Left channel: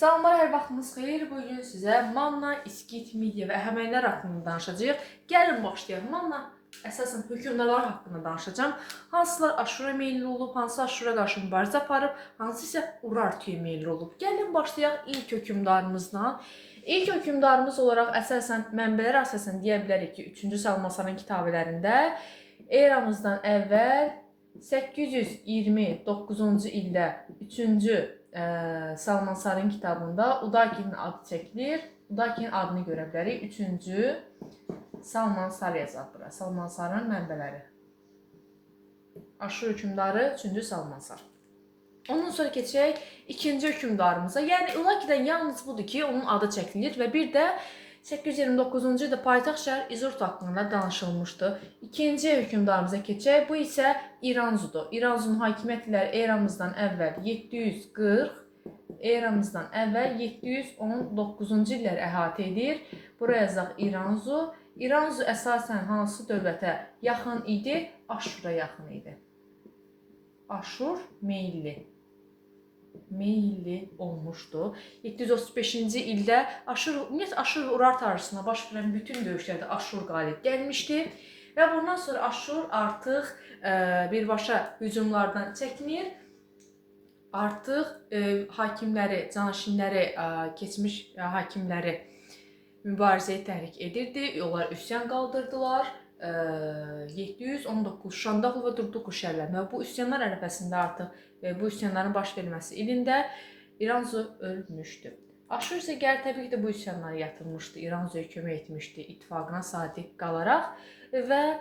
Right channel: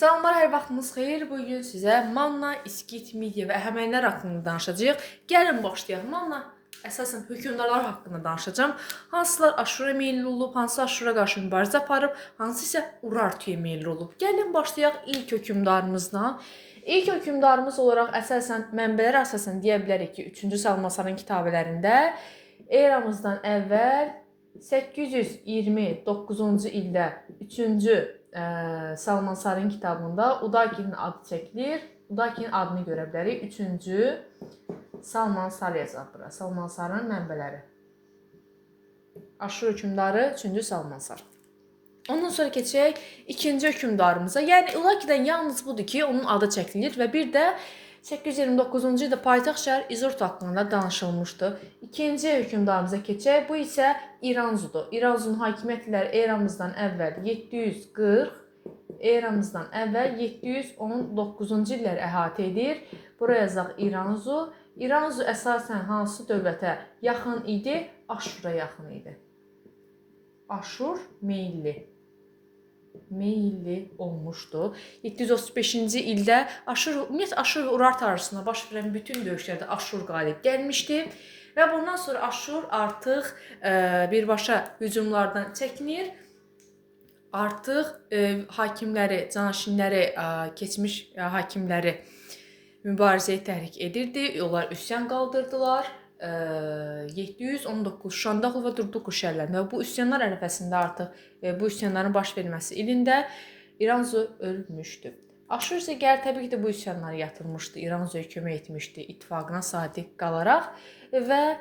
Salamlar, hər vaxtınız xeyir. Bugün sizə Manna, İskit, Midya və Əhəmənilər haqqında danışacağıq. Gəlin başlayaq. Manna əsasən hökmdarlar haqqında danışacağam. Hansılar Aşura meyilli olub, hansı Aşura qarşı mübarizə aparıb, hansı isə Urartuya meyilli olub. Gəlin başlayaq ilk hökmdarımızdan. İlk hökmdarımız olaraq əsasən mənbələrə əsasən deyə bilərik ki, 3-cü Salmanasarın kitabələrində eramızdan əvvəl 829-cu ildə 3-cü Salmanasarın kitabında Udakinin adı çəkilir. Udakinin adını görə bilərik. 3-cü Salmanasar yazaq bura. Salmanasarın mənbələri. Aşur hökmdarı 3-cü Salmanasar. Ondan sonra keçək ikinci hökmdarımıza. Yəni Ulakidən yalnız budur ki, onun adı çəkilir və bir də 829-cu ildə paytaxt şəhər İzurt haqqında danışılmışdı. İkinci hökmdarımıza keçək. Bu isə İranzudur. İranzunun hakimiyyət illəri eramızdan əvvəl 740, eramızdan əvvəl 719-cu illəri əhatə edir. Buraya yazaq İranzu. İranzu əsasən hansı dövlətə yaxın idi? Aşura yaxın idi. Aşur meyilli olmuşdu. 735-ci ildə Aşur və Urartu arasında baş verən bütün döyüşlərdə Aşur qalib gəlmişdi və bundan sonra Aşur artıq birbaşa hücumlardan çəkinir. Artıq hakimləri, canaşinləri, keçmiş hakimləri mübarizəyə təhrik edirdi. Onlar üsyan qaldırdılar. 719 Şandaxl və Durduqu şəhərlərində bu üsyanlar ərəfəsində artıq bu üsyanların baş verməsi ilində İranzu ölmüşdü. Aşur isə gəlir təbii ki də bu üsyanları yatırmışdı. İranzuya kömək etmişdi ittifaqına sadiq qalaraq və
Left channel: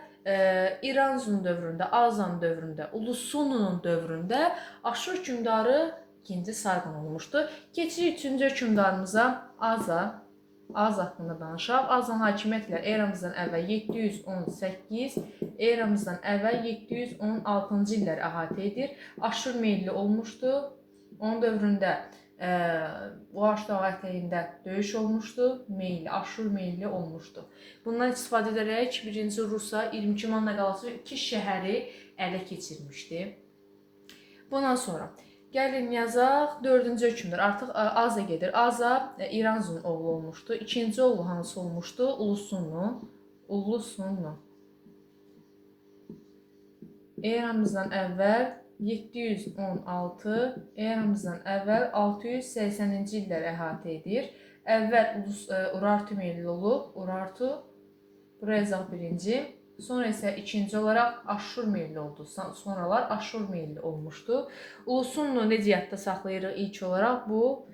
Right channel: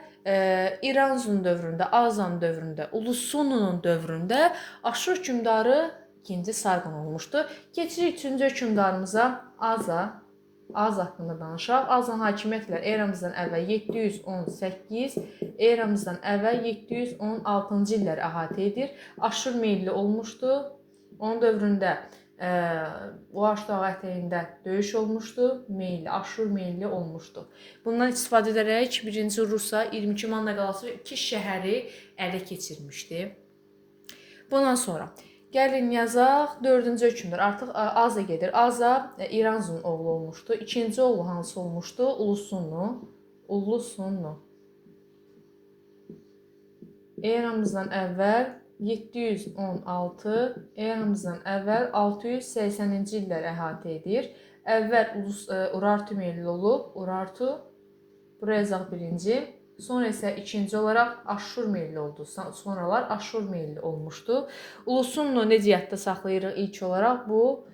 İranzunun dövründə, Azan dövründə, Ulusununun dövründə Aşur hökmdarı 2-ci Sarqon olmuşdu. Keçirik 3-cü hökmdarımıza Az haqqında danışaq. Azan hakimiyyətlər eramızdan əvvəl 718, eramızdan əvvəl 716-cı illəri əhatə edir. Aşur meyilli olmuşdu. Onun dövründə Uaş dağı ətəyində döyüş olmuşdu. Aşur meyilli olmuşdu. Bundan istifadə edərək 1-ci Rusa 22 Manna qalası və 2 şəhəri ələ keçirmişdi. Bundan sonra gəlin yazaq 4-cü hökmdar. Artıq Aza gedir. Aza İranzunun oğlu olmuşdu. İkinci oğlu hansı olmuşdu? Ulusunnu. Eramızdan əvvəl 716, eramızdan əvvəl 680-ci illəri əhatə edir. Əvvəl Urartu meyilli olub. Urartu. Buraya yazaq 1-ci. Sonra isə ikinci olaraq Aşur meyilli oldu. Sonralar Aşur meyilli olmuşdu. Ulusunnu necə yadda saxlayırıq ilk olaraq? Bu.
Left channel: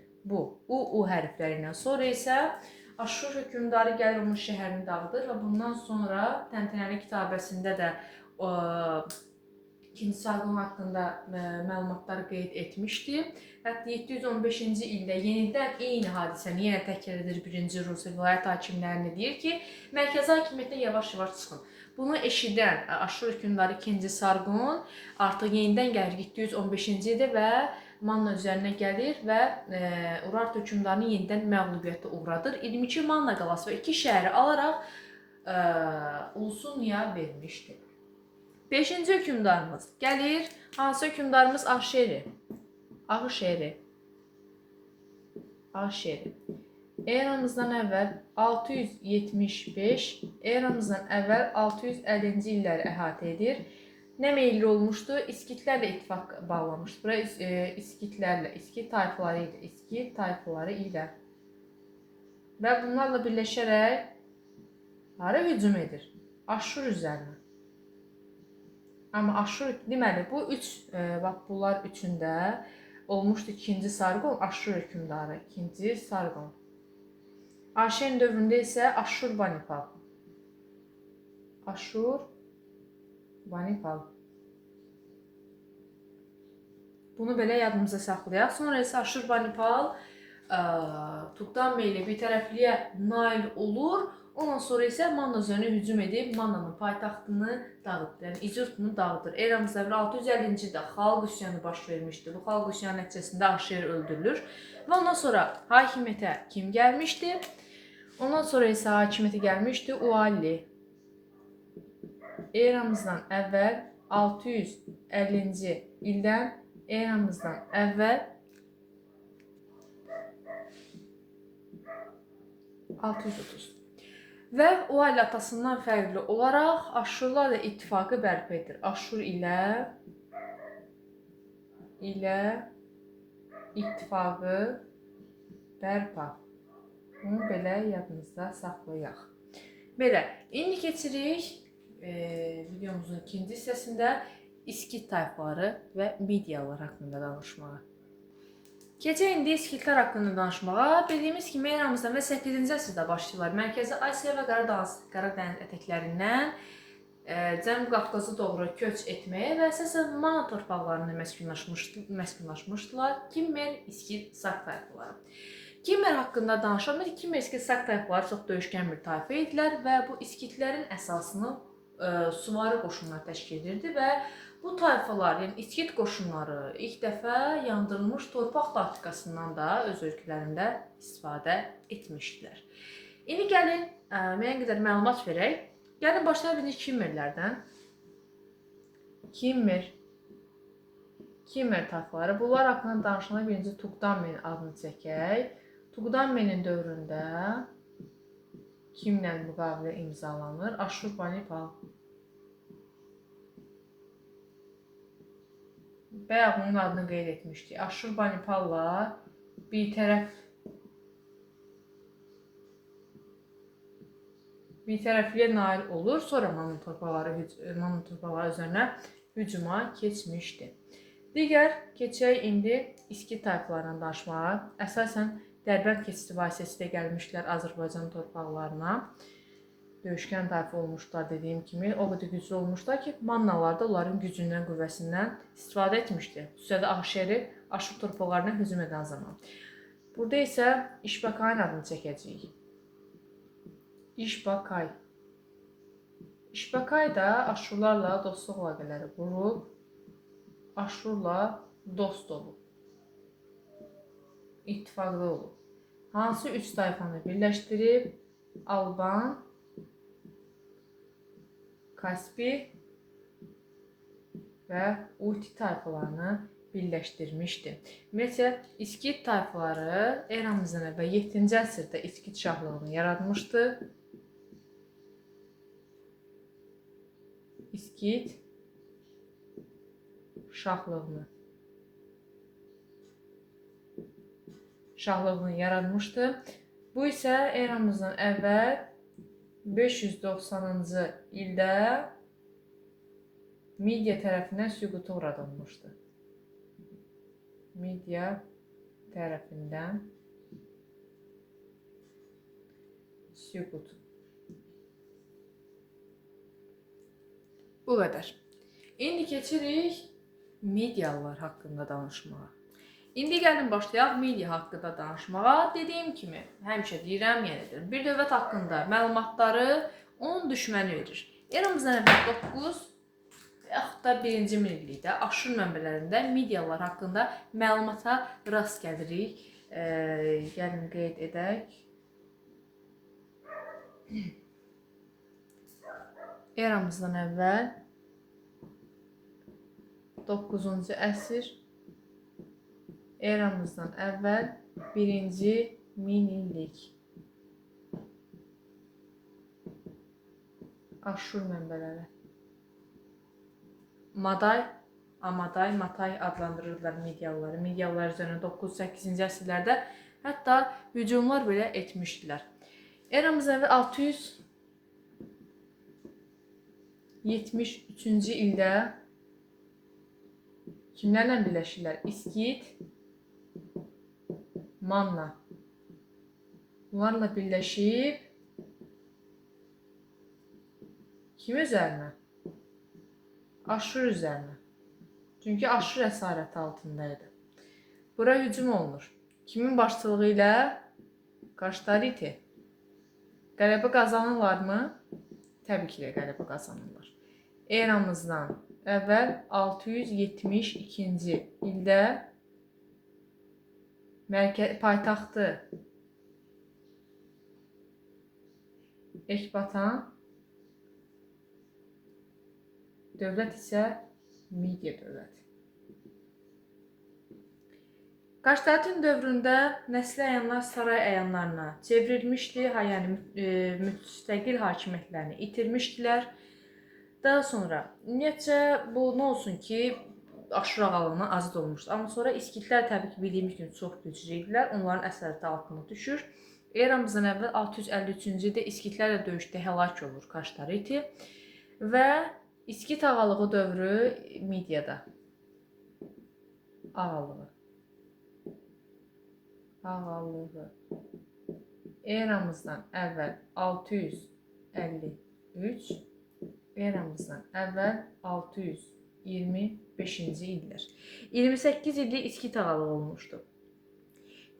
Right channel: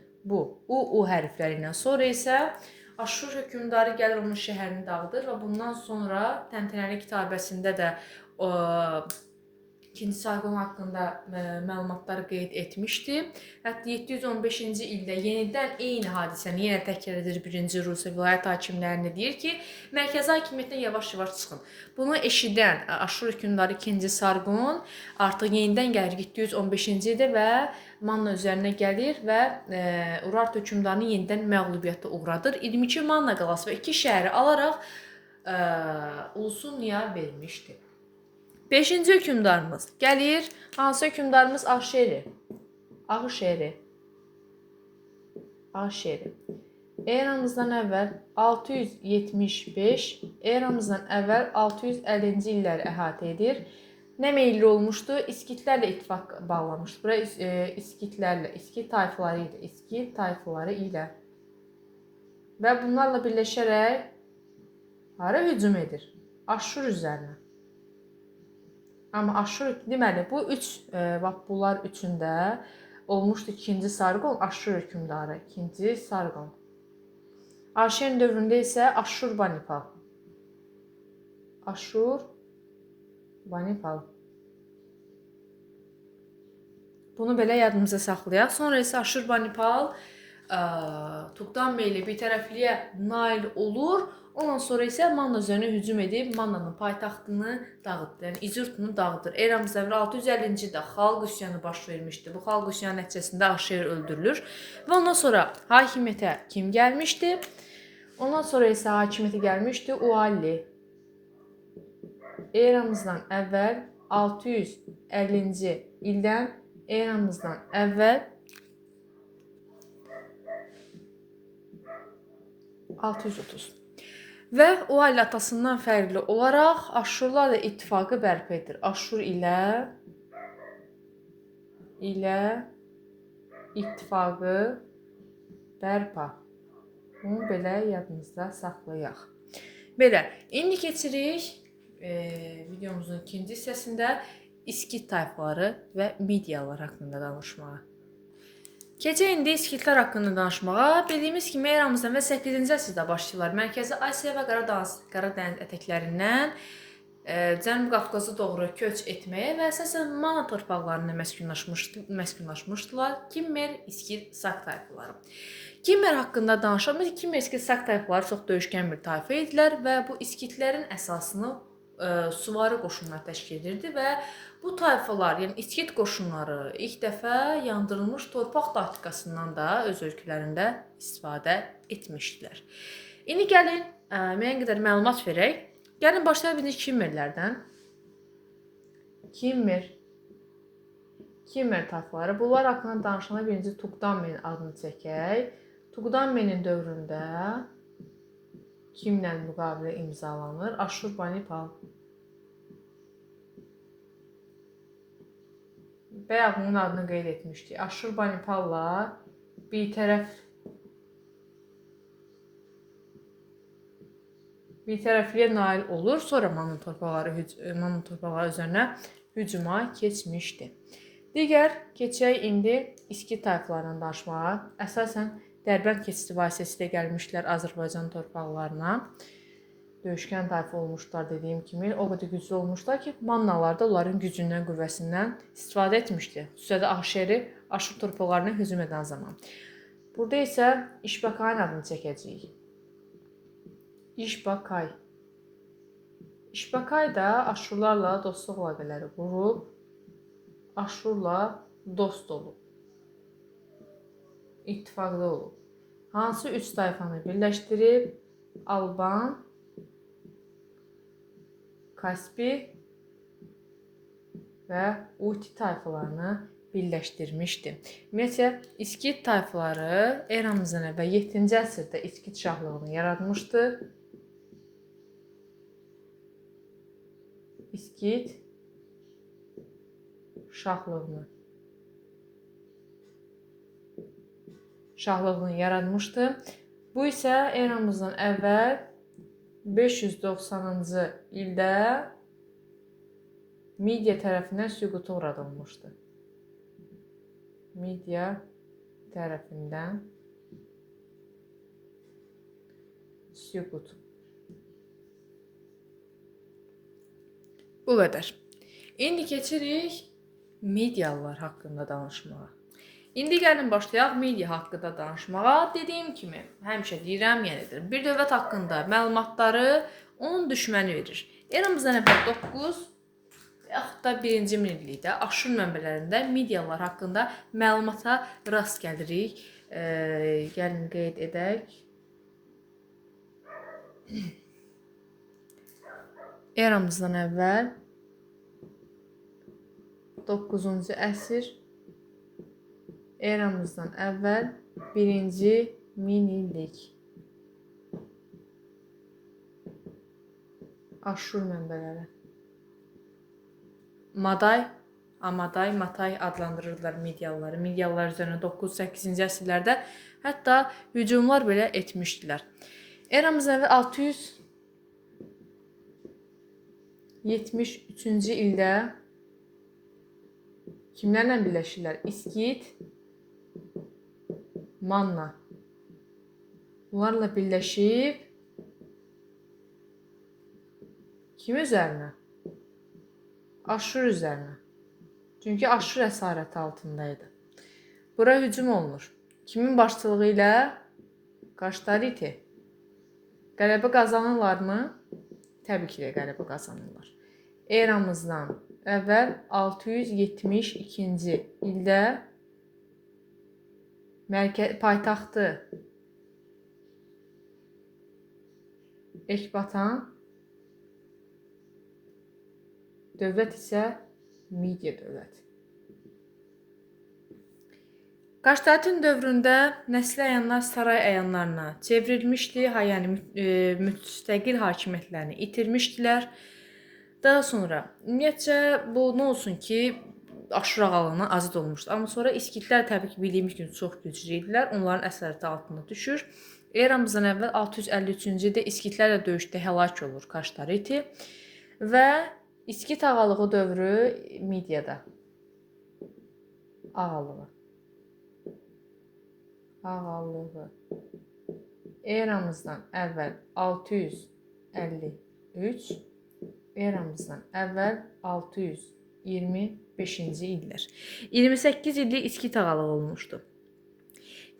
U hərfləri ilə. Sonra isə Aşur hökmdarı gəlir onun şəhərini dağıdır və bundan sonra Təntənəli kitabəsində də 2-ci Sarqon haqqında məlumatları qeyd etmişdi. Hətta 715-ci ildə yenidən eyni hadisəni yenə təkrar edir 1-ci Rusiya vilayət hakimlərini deyir ki, mərkəzi hakimiyyətdən yavaş-yavaş çıxın. Bunu eşidən Aşur hökmdarı 2-ci Sarqon artıq yenidən gəlir 715-ci ildə və Manna üzərinə gəlir və Urartu hökmdarını yenidən məğlubiyyətə uğradır. 22 Manna qalası və 2 şəhəri alaraq Ulusunnuya vermişdi. 5-ci hökmdarımız gəlir. Hansı hökmdarımız? Ahşeri. Eramızdan əvvəl 675, eramızdan əvvəl 650-ci illəri əhatə edir. Nə meyilli olmuşdu? İskitlərlə ittifaq bağlamışdı. Bura İskit tayfaları ilə və bunlarla birləşərək hara hücum edir? Aşur üzərinə. Amma Aşur, deməli, bunlar üçündə olmuşdu 2-ci Sarqon, Aşur hökmdarı, 2-ci Sarqon. Ahşerin dövründə isə Aşur Banipal. Bunu belə yadımıza saxlayaq. Sonra isə Aşur Banipal Tuqtanbey ilə bir tərəfliyə nail olur. Ondan sonra isə Manna üzərinə hücum edib Mannanın paytaxtını dağıtdı. Yəni İzurtunu dağıdır. Eramızdan əvvəl 650-ci ildə xalq üsyanı baş vermişdi. Bu xalq üsyanı nəticəsində Ahşer öldürülür. Və ondan sonra hakimiyyətə kim gəlmişdi? Ondan sonra isə hakimiyyətə gəlmişdi Ualli. Eramızdan əvvəl 650-ci ildən eramızdan əvvəl 630. Və o ailə atasından fərqli olaraq Aşurlarla ittifaqı bərpa edir. Aşur ilə ittifaqı bərpa. Bunu belə yadınızda saxlayaq. Belə, indi keçirik videomuzun ikinci hissəsində İskit tayfaları və Midiyalılar haqqında danışmağa. Keçək indi İskitlər haqqında danışmağa. Bildiyimiz kimi eramızdan və 8-ci əsrdə başlayırlar. Mərkəzi Asiya və Qaradəniz ətəklərindən Cənubi Qafqaza doğru köç etməyə və əsasən Mana torpaqlarında məskunlaşmışdılar. Kimmer, İskit, Sak tayfaları. Kimmer haqqında danışalım. Kimmer, İskit, Sak tayfaları çox döyüşkən bir tayfa idilər və bu İskitlərin əsasını süvari qoşunlar təşkil edirdi və bu tayfalar, yəni İskit qoşunları ilk dəfə yandırılmış torpaq taktikasından da öz ölkələrində istifadə etmişdilər. İndi gəlin müəyyən qədər məlumat verək. Gəlin başlayaq birinci Kimmerlərdən. Kimmer tayfaları. Bunlar haqqında danışanda birinci Tuqdammenin adını çəkək. Tuqdammenin dövründə kimlə müqavilə imzalanır? Aşurbanipal. Bayaq onun adını qeyd etmişdik. Aşurbanipalla bir tərəfliyə nail olur. Sonra Manna torpaqları üzərinə hücuma keçmişdi. Digər keçək indi İskit tayfalarından danışmağa. Əsasən Dərbənd keçidi vasitəsilə gəlmişlər Azərbaycan torpaqlarına. Döyüşkən tayfa olmuşlar dediyim kimi. O qədər güclü olmuşlar ki, Mannalar da onların gücündən, qüvvəsindən istifadə etmişdi. Xüsusilə Ahşeri Aşur torpaqlarına hücum edən zaman. Burada isə İşbakayın adını çəkəcəyik. İşbakay da Aşurlarla dostluq əlaqələri qurub, Aşurla dost olub, ittifaqlı olub. Hansı üç tayfanı birləşdirib? Alban, Kaspi və Uti tayfalarını birləşdirmişdi. Ümumiyyətlə, İskit tayfaları eramızdan əvvəl 7-ci əsrdə İskit şahlığını yaratmışdı. İskit şahlığını yaratmışdı. Bu isə eramızdan əvvəl 590-cı ildə Midiya tərəfindən süquta uğradılmışdı. Midiya tərəfindən süqut. Bu qədər. İndi keçirik Midiyalılar haqqında danışmağa. İndi gəlin başlayaq Midiya haqqında danışmağa. Dediyim kimi, həmişə deyirəm, yenə edirəm. Bir dövlət haqqında məlumatları onun düşməni verir. Eramızdan əvvəl 9 yaxud da 1-ci minillikdə Aşur mənbələrində Midiyalılar haqqında məlumata rast gəlirik. Gəlin qeyd edək. Eramızdan əvvəl 9-cu əsr, eramızdan əvvəl 1-ci minillik Aşur mənbələri. Amaday, Matay adlandırırlar Midiyalıları. Midiyalılar üzərinə 9-8-ci əsrlərdə hətta hücumlar belə etmişdilər. Eramızdan əvvəl 673-cü ildə kimlərlə birləşirlər? İskit, Manna. Bunlarla birləşib kim üzərinə? Aşur üzərinə. Çünki Aşur əsarəti altındaydı. Bura hücum olunur. Kimin başçılığı ilə? Qaştariti. Qələbə qazanırlarmı? Təbii ki, qələbə qazanırlar. Eramızdan əvvəl 672-ci ildə paytaxtı Ekbatan, dövlət isə Midiya dövləti. Qaşdatin dövründə nəsli əyanlar saray əyanlarına çevrilmişdi, yəni müstəqil hakimiyyətlərini itirmişdilər. Daha sonra ümumiyyətcə bu nə olsun ki, Aşur ağalığından azad olmuşdu. Amma sonra İskitlər təbii ki, bildiyimiz kimi çox güclü idilər. Onların əsarəti altında düşür. Eramızdan əvvəl 653-cü ildə İskitlərlə döyüşdə həlak olur Qaştariti və İskit ağalığı dövrü Midiyada. Ağalığı. Eramızdan əvvəl 653, eramızdan əvvəl 625-ci illər. 28 illik İskit ağalığı olmuşdu.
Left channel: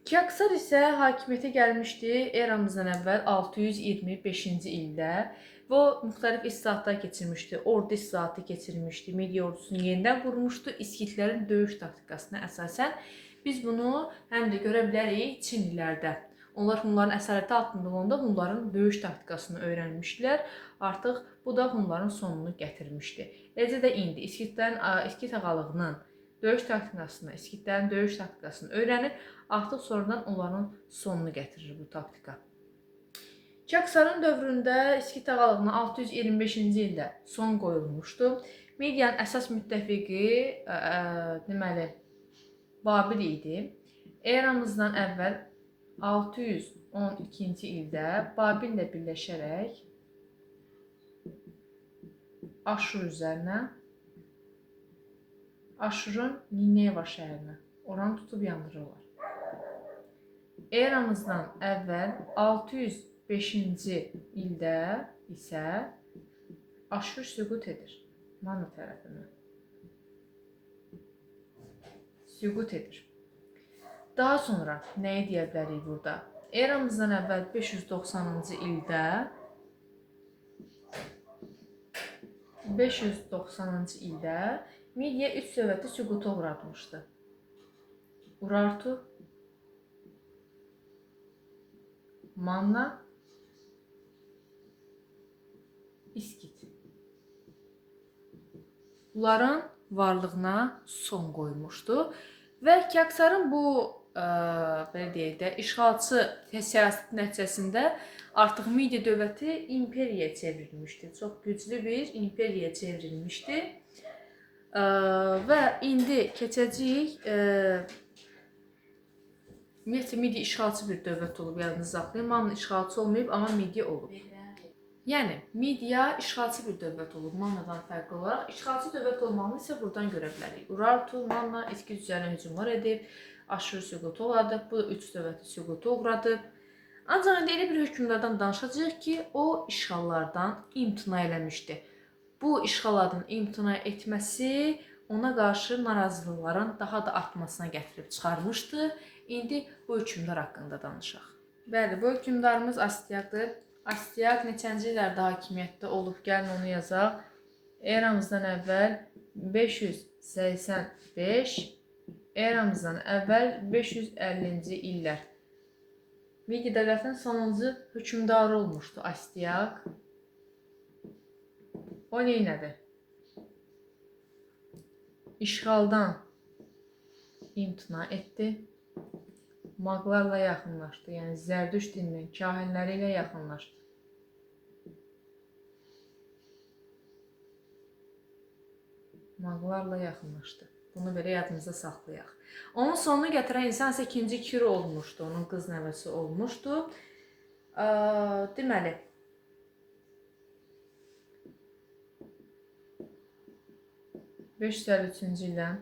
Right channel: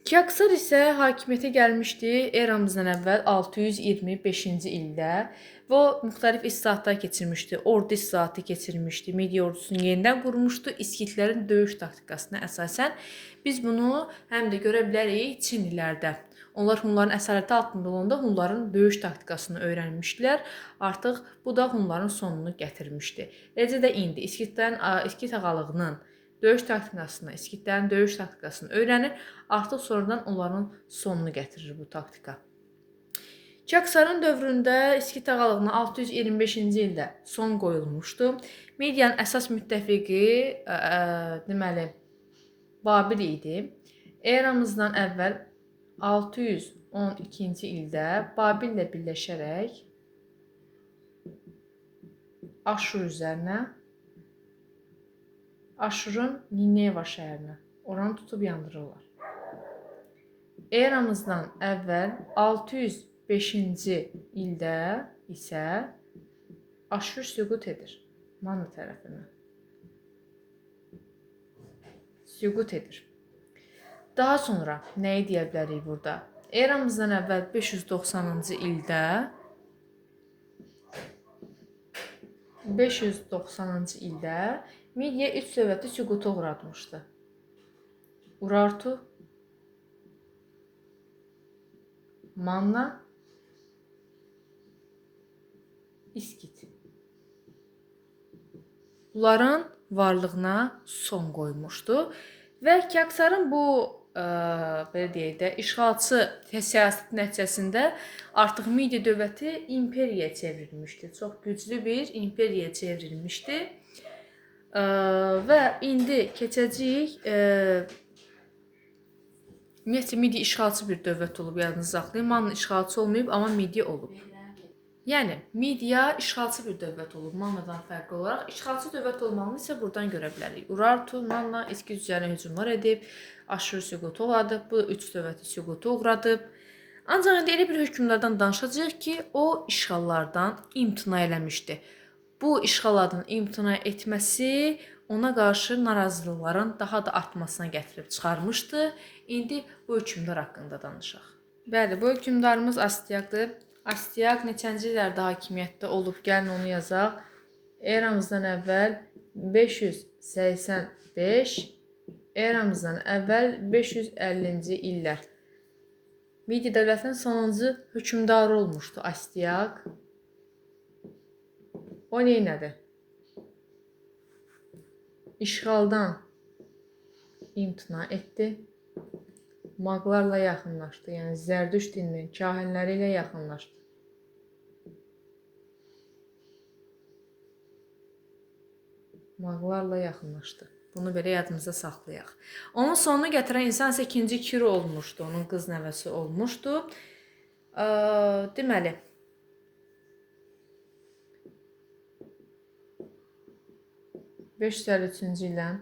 Kiaksar isə hakimiyyətə gəlmişdi eramızdan əvvəl 625-ci ildə və müxtəlif islahatlar keçirmişdi. Ordu islahatı keçirmişdi. Midiya ordusunu yenidən qurmuşdu. İskitlərin döyüş taktikasına əsasən biz bunu həm də görə bilərik Çinlilərdə. Onlar Hunların əsarəti altında olanda Hunların döyüş taktikasını öyrənmişdilər. Artıq bu da Hunların sonunu gətirmişdi. Eləcə də indi İskit ağalığının döyüş taktikasını öyrənir. Artıq sonradan onların sonunu gətirir bu taktika. Kiaksarın dövründə İskit ağalığına 625-ci ildə son qoyulmuşdu. Midiyanın əsas müttəfiqi deməli Babil idi. Eramızdan əvvəl 612-ci ildə Babillə birləşərək Aşur üzərinə, Aşurun Nineva şəhərinə, oranı tutub yandırırlar. Eramızdan əvvəl 605-ci ildə isə Aşur süqut edir Manna tərəfindən. Süqut edir. Daha sonra nəyi deyə bilərik burada? Eramızdan əvvəl 590-cı ildə Midiya üç dövləti süquta uğratmışdı. Urartu, Manna, İskit. Bunların varlığına son qoymuşdu və Kiaksarın bu belə deyək də, işğalçı siyasət nəticəsində artıq Midiya dövləti imperiyaya çevrilmişdi. Çox güclü bir imperiyaya çevrilmişdi. Və indi keçəcəyik. Ümumiyyətlə, Midiya işğalçı bir dövlət olub, yadınızı saxlayın. Manna işğalçı olmayıb, amma Midiya olub. Yəni, Midiya işğalçı bir dövlət olub, Mannadan fərqli olaraq. İşğalçı dövlət olmağını isə buradan görə bilərik. Urartu, Manna, İskit üzərinə hücumlar edib, Aşur süqutu oladıb, bu üç dövləti süqutu uğradıb. Ancaq indi elə bir hökmdardan danışacağıq ki, o işğallardan imtina eləmişdi. Bu işğallardan imtina etməsi ona qarşı narazılıqların daha da artmasına gətirib çıxarmışdı. İndi bu hökmdar haqqında danışaq. Bəli, bu hökmdarımız Astiaqdır. Astiaq neçənci illərdə hakimiyyətdə olub, gəlin onu yazaq. Eramızdan əvvəl 585, eramızdan əvvəl 550-ci illər. Midiya dövlətinin sonuncu hökmdarı olmuşdu Astiaq. O neynədi? İşğaldan imtina etdi. Maqlarla yaxınlaşdı, yəni Zərdüşt dininin kahinləri ilə yaxınlaşdı. Maqlarla yaxınlaşdı. Bunu belə yadımıza saxlayaq. Onun sonunu gətirən insan isə 2-ci Kiro olmuşdu, onun qız nəvəsi olmuşdu. Deməli, (553-cü ildən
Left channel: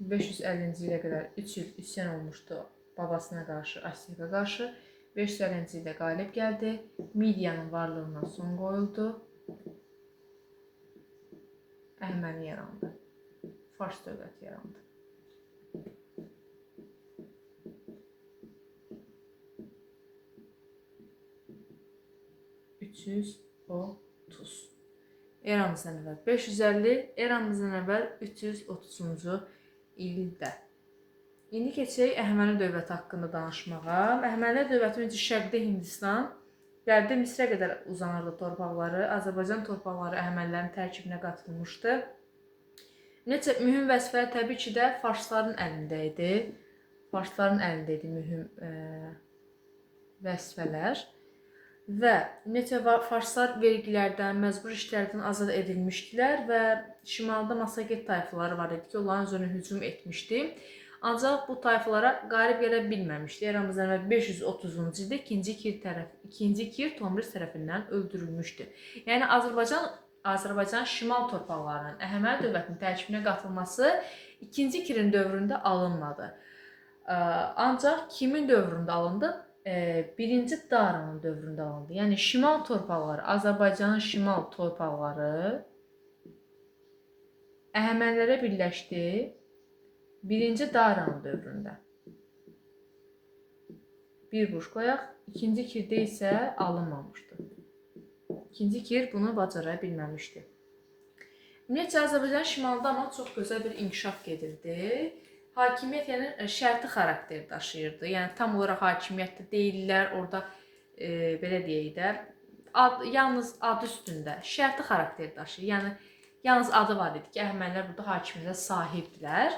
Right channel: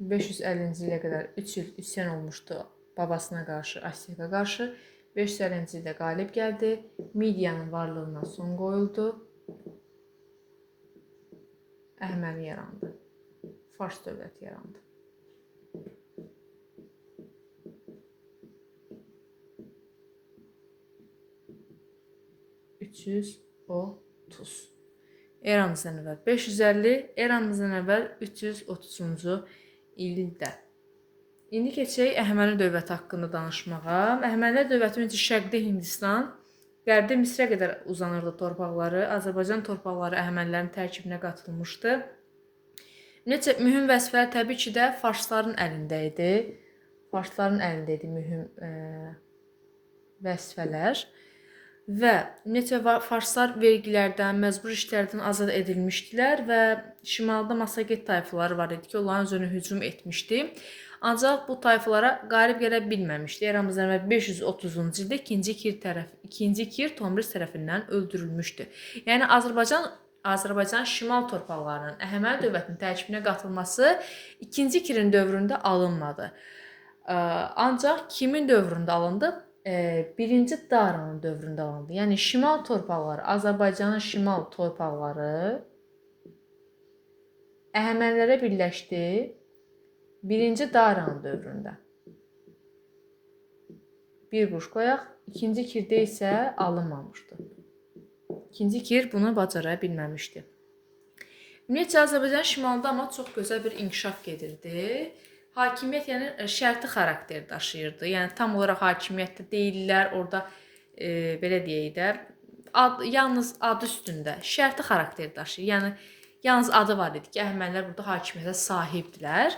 550-ci ilə qədər 3 il üsyan olmuşdu babasına qarşı, Astiaqa qarşı. 550-ci ildə qalib gəldi. Midiyanın varlığına son qoyuldu. Əhəməni yarandı. Fars dövləti yarandı. Eramızdan əvvəl 550, eramızdan əvvəl 330-cu ildə. İndi keçək Əhəməni dövləti haqqında danışmağa. Əhəmənilər dövləti öncə Şərqdə Hindistan, Qərbdə Misrə qədər uzanırdı torpaqları. Azərbaycan torpaqları Əhəmənilərin tərkibinə qatılmışdı. Necə mühüm vəzifələr təbii ki də farsların əlində idi. Farsların əlində idi mühüm vəzifələr və neçə farslar vergilərdən, məcbur işlərdən azad edilmişdilər və şimalda Massaget tayfaları var idi ki, onların üzərinə hücum etmişdi. Ancaq bu tayfalara qalib gələ bilməmişdi. Eramızdan əvvəl 530-cu ildə ikinci Kir Tomris tərəfindən öldürülmüşdü. Yəni Azərbaycan şimal torpaqlarının Əhəməni dövlətinin tərkibinə qatılması 2-ci Kirin dövründə alınmadı. Ancaq kimin dövründə alındı? 1-ci Daranın dövründə alındı. Yəni şimal torpaqları, Azərbaycanın şimal torpaqları Əhəmənilərə birləşdi 1-ci Daranın dövründə. Bir quruş qoyaq. 2-ci Kirdə isə alınmamışdı. 2-ci Kir bunu bacara bilməmişdi. Ümumiyyətcə Azərbaycan şimalda amma çox gözəl bir inkişaf gedirdi. Hakimiyyət yəni şərti xarakter daşıyırdı. Yəni tam olaraq hakimiyyətdə deyirlər, orada belə deyək də, yalnız adı üstündə şərti xarakter daşıyır. Yəni yalnız adı var idi ki, Əhəmənilər burada hakimiyyətə sahibdilər.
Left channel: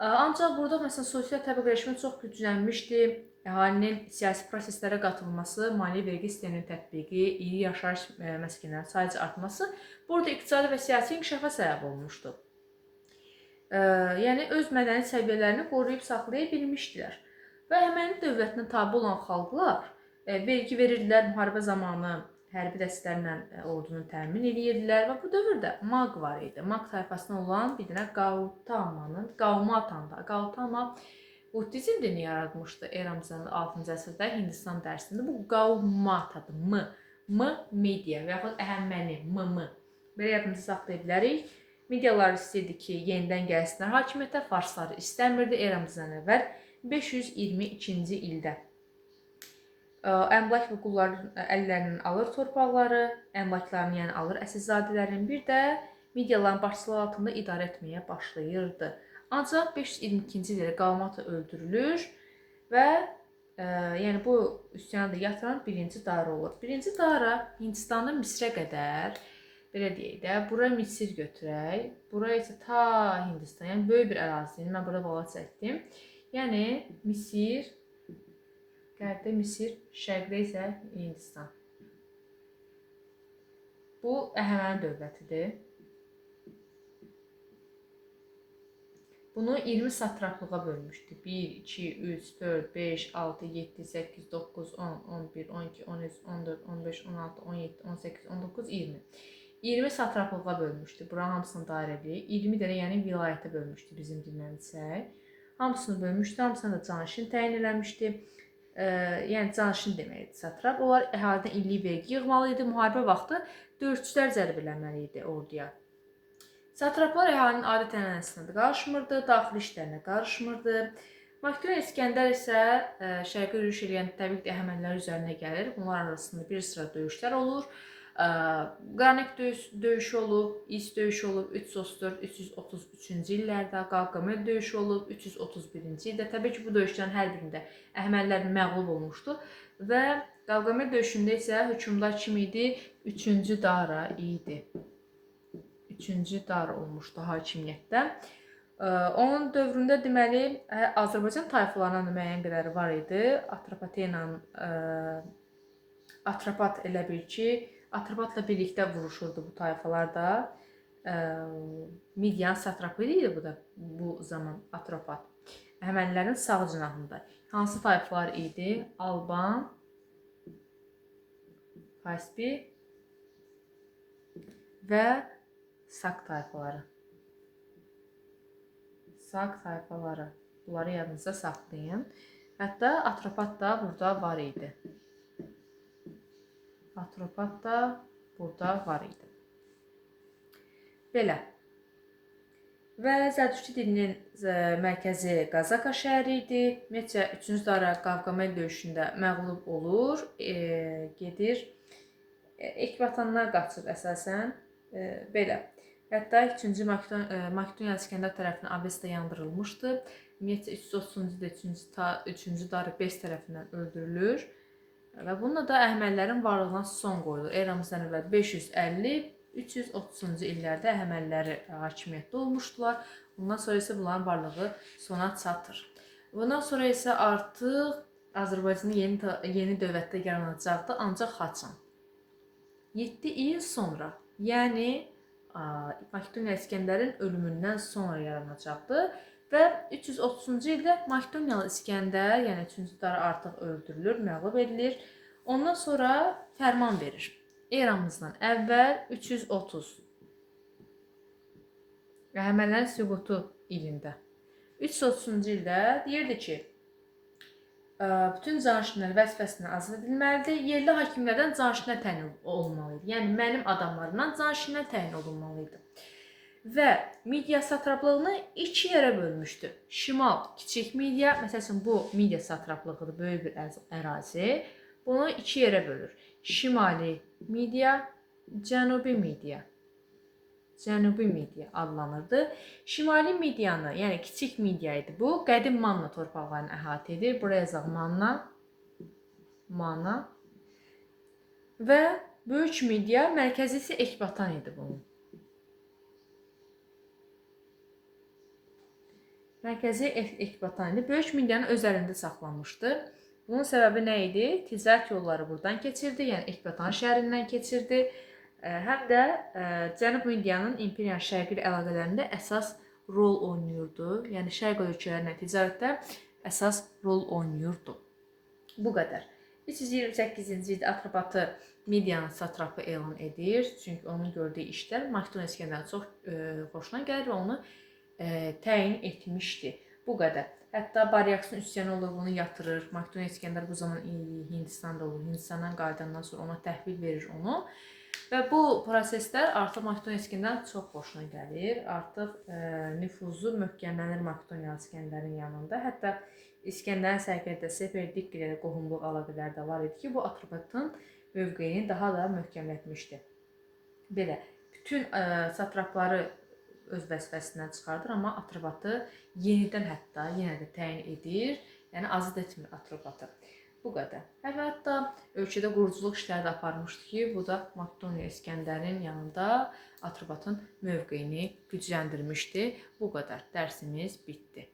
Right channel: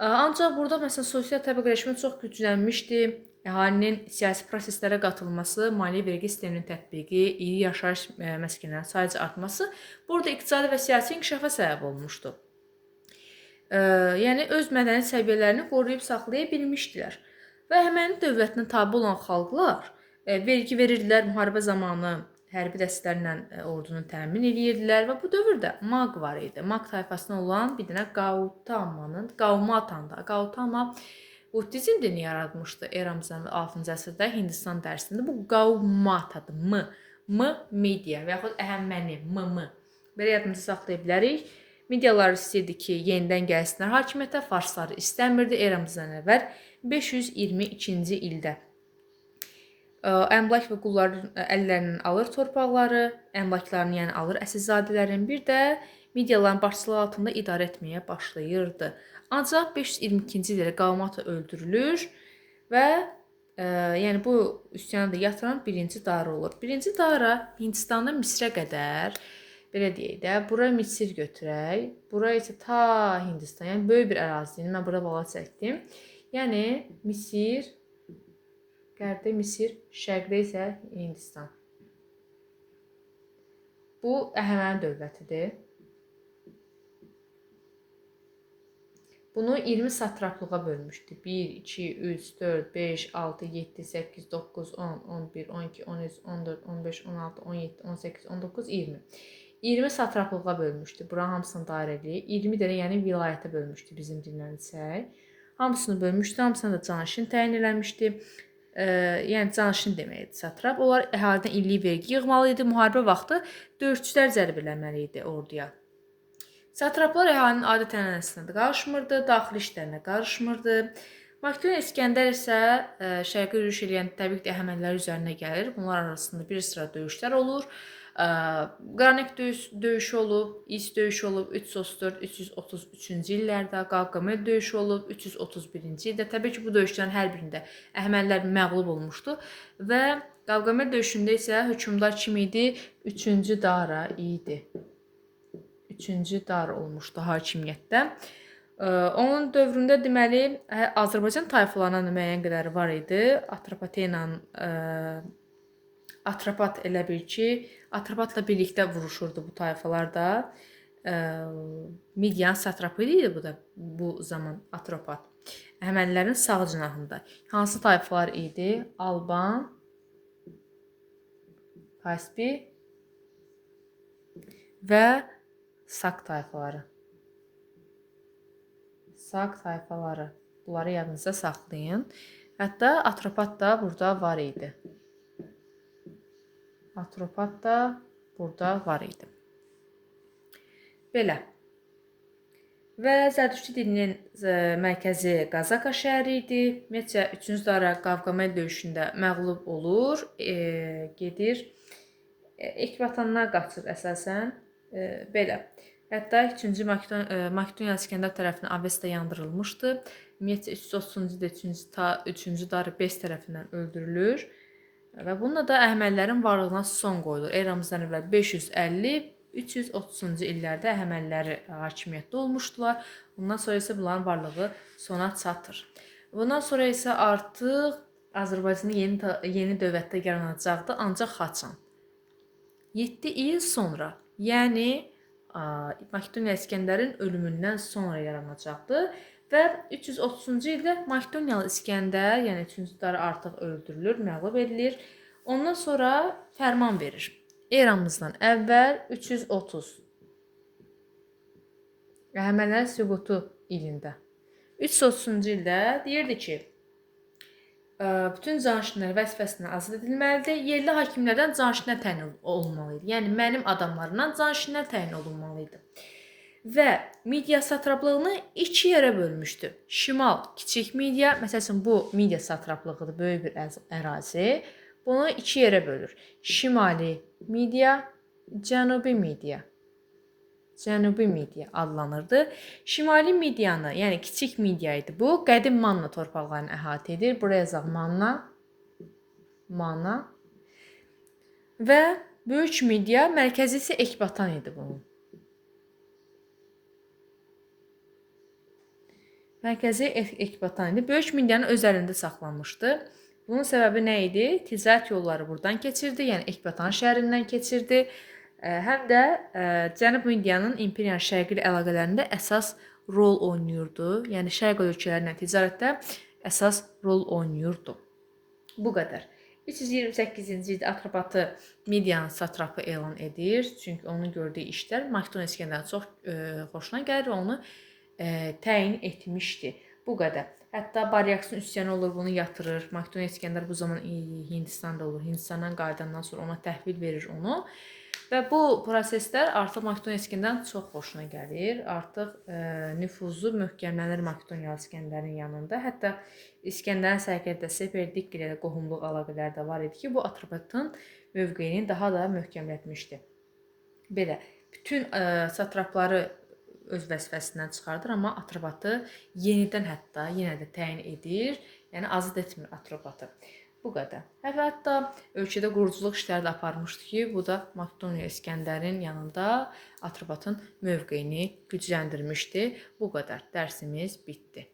Ancaq burada məsələn sosial təbəqələşmə çox güclənmişdi. Əhalinin siyasi proseslərə qatılması, maliyyə vergi sisteminin tətbiqi, iri yaşayış məskənlərinin sayıca artması burada iqtisadi və siyasi inkişafa səbəb olmuşdu. Yəni öz mədəni səviyyələrini qoruyub saxlaya bilmişdilər. Və Əhəməni dövlətinə tabe olan xalqlar vergi verirdilər, müharibə zamanı hərbi dəstələrlə ordunu təmin edirdilər və bu dövrdə Maq var idi. Maq tayfasına olan bir dənə Qaumata buddizm dini yaratmışdı eramızdan 6-cı əsrdə Hindistan dərsində. Bu Qaumatadır. Media və yaxud Əhəməni, belə yadımızda saxlaya bilərik. Medialar istəyirdi ki, yenidən gəlsinlər hakimiyyətə, farsları istəmirdi eramızdan əvvəl 522-ci ildə. Əmlak və qulların əllərindən alır torpaqları, əmlaklarını yəni alır əsilzadələrin, bir də mediaların başçılığı altında idarə etməyə başlayırdı. Ancaq 522-ci ildə Qaumata öldürülür və yəni bu üsyanı da yatıran 1-ci Dara olur. 1-ci Dara Hindistandan Misrə qədər, belə deyək də, bura Misir götürək, bura isə ta Hindistan, yəni böyük bir ərazini mən burada bala çəkdim. Yəni Misir, qərbdə Misir, şərqdə isə Hindistan. Bu Əhəməni dövlətidir. Bunu 20 satraplığa bölmüşdü. 1, 2, 3, 4, 5, 6, 7, 8, 9, 10, 11, 12, 13, 14, 15, 16, 17, 18, 19, 20. 20 satraplığa bölmüşdü. Buranın hamısını dairə edir. 20 dənə yəni vilayətə bölmüşdü bizim dillə desək. Hamısını bölmüşdü, hamısına da canişin təyin eləmişdi. Yəni canişin deməkdir satrap. Onlar əhalidən illik vergi yığmalı idi. Müharibə vaxtı döyüşçülər cəlb eləməli idi orduya. Satraplar əhalinin adət-ənənəsinə də qarışmırdı, daxili işlərinə qarışmırdı. Makdoniya İskəndər isə şərqi yürüş edən təbii ki, Əhəmənilər üzərinə gəlir. Bunlar arasında bir sıra döyüşlər olur. Qranik döyüşü olub, İs döyüşü olub 334-333-cü illərdə, Qavqamel döyüşü olub 331-ci ildə. Təbii ki, bu döyüşlərin hər birində Əhəmənilər məğlub olmuşdu və Qavqamel döyüşündə isə hökmdar kim idi? 3-cü Dara idi. 3-cü Dara olmuşdu hakimiyyətdə. Onun dövründə deməli Azərbaycan tayfalarının müəyyən qədəri var idi. Atropat elə bil ki, Atropatla birlikdə vuruşurdu bu tayfalar da. Midian satrapı idi bu zaman Atropat. Əhəmənilərin sağ cinahında. Hansı tayfalar idi? Alban, Kaspi və Sak tayfaları. Sak tayfaları. Bunları yadınızda saxlayın. Hətta Atropat da burada var idi. Atropat da burada var idi. Belə. Və Zərdüşti dilinin mərkəzi Qazaka şəhəri idi. Ümumiyyətcə 3-cü Dara Qavqamel döyüşündə məğlub olur, gedir. Ekvatanlar qaçır əsasən. Belə. Hətta 2-cü Makedoniya İskəndər tərəfindən Avesta yandırılmışdı. Ümumiyyətcə 330-cu ildə 3-cü Dara Bes tərəfindən öldürülür. Və bununla da Əhəmənilərin varlığına son qoyulur. Eramızdan əvvəl 550, 330-cu illərdə Əhəməniləri hakimiyyətdə olmuşdular. Bundan sonra isə bunların varlığı sona çatır. Bundan sonra isə artıq Azərbaycanda yeni dövlətdə yaranacaqdı, ancaq haçan. 7 il sonra, yəni Makedoniya İskəndərin ölümündən sonra yaranacaqdı və 330-cu ildə Makedoniyalı İskəndər, yəni 3-cü Dara artıq öldürülür, məğlub edilir. Ondan sonra fərman verir. Eramızdan əvvəl 330 Əhəmənilər süqutu ilində. 330-cu ildə deyirdi ki, bütün canişinlər vəzifəsindən azad edilməlidir. Yerli hakimlərdən canişinlər təyin olunmalı idi. Yəni mənim adamlarımdan canişinlər təyin olunmalı idi. Və Midiya satraplığını 2 yerə bölmüşdü. Şimal kiçik Midiya, məsələn bu Midiya satraplığıdır, böyük bir ərazi. Bunu 2 yerə bölür. Şimali Midiya, Cənubi Midiya. Cənubi Midiya adlanırdı. Şimali Midiyanı, yəni kiçik Midiya idi bu, qədim Manna torpaqlarını əhatə edir. Buraya yazaq Manna. Və böyük Midiya, mərkəzisi Ekbatan idi bunun. Mərkəzi Ekbatan idi. Böyük Midiyanı öz əlində saxlamışdı. Bunun səbəbi nə idi? Ticarət yolları buradan keçirdi, yəni Ekbatan şəhərindən keçirdi. Həm də Cənub Midiyanın imperiyanın şərqi ilə əlaqələrində əsas rol oynayırdı. Yəni şərq ölkələrlə ticarətdə əsas rol oynayırdı. Bu qədər. 328-ci ildə Atropatı Midiyanın satrapı elan edir. Çünki onun gördüyü işlər Makedoniya İskəndərin çox xoşuna gəlir və onu təyin etmişdi. Bu qədər. Hətta Baryaksin üsyanı olur, bunu yatırır. Makedoniya İskəndər bu zaman Hindistanda olur. Hindistandan qayıdandan sonra ona təhvil verir onu. Və bu proseslər artıq Makedoniya İskəndərin çox xoşuna gəlir. Artıq nüfuzu möhkəmlənir Makedoniya İskəndərin yanında. Hətta İskəndərin sərkərdəsi Perdik ilə qohumluq əlaqələri də var idi ki, bu Atropatın mövqeyini daha da möhkəmlətmişdi. Belə, bütün satrapları öz vəzifəsindən çıxardır, amma Atropatı yenidən hətta yenə də təyin edir, yəni azad etmir Atropatı. Bu qədər. Hətta ölkədə quruculuq işləri də aparmışdı ki, bu da Makedoniya İskəndərin yanında Atropatın mövqeyini gücləndirmişdi. Bu qədər. Dərsimiz bitdi.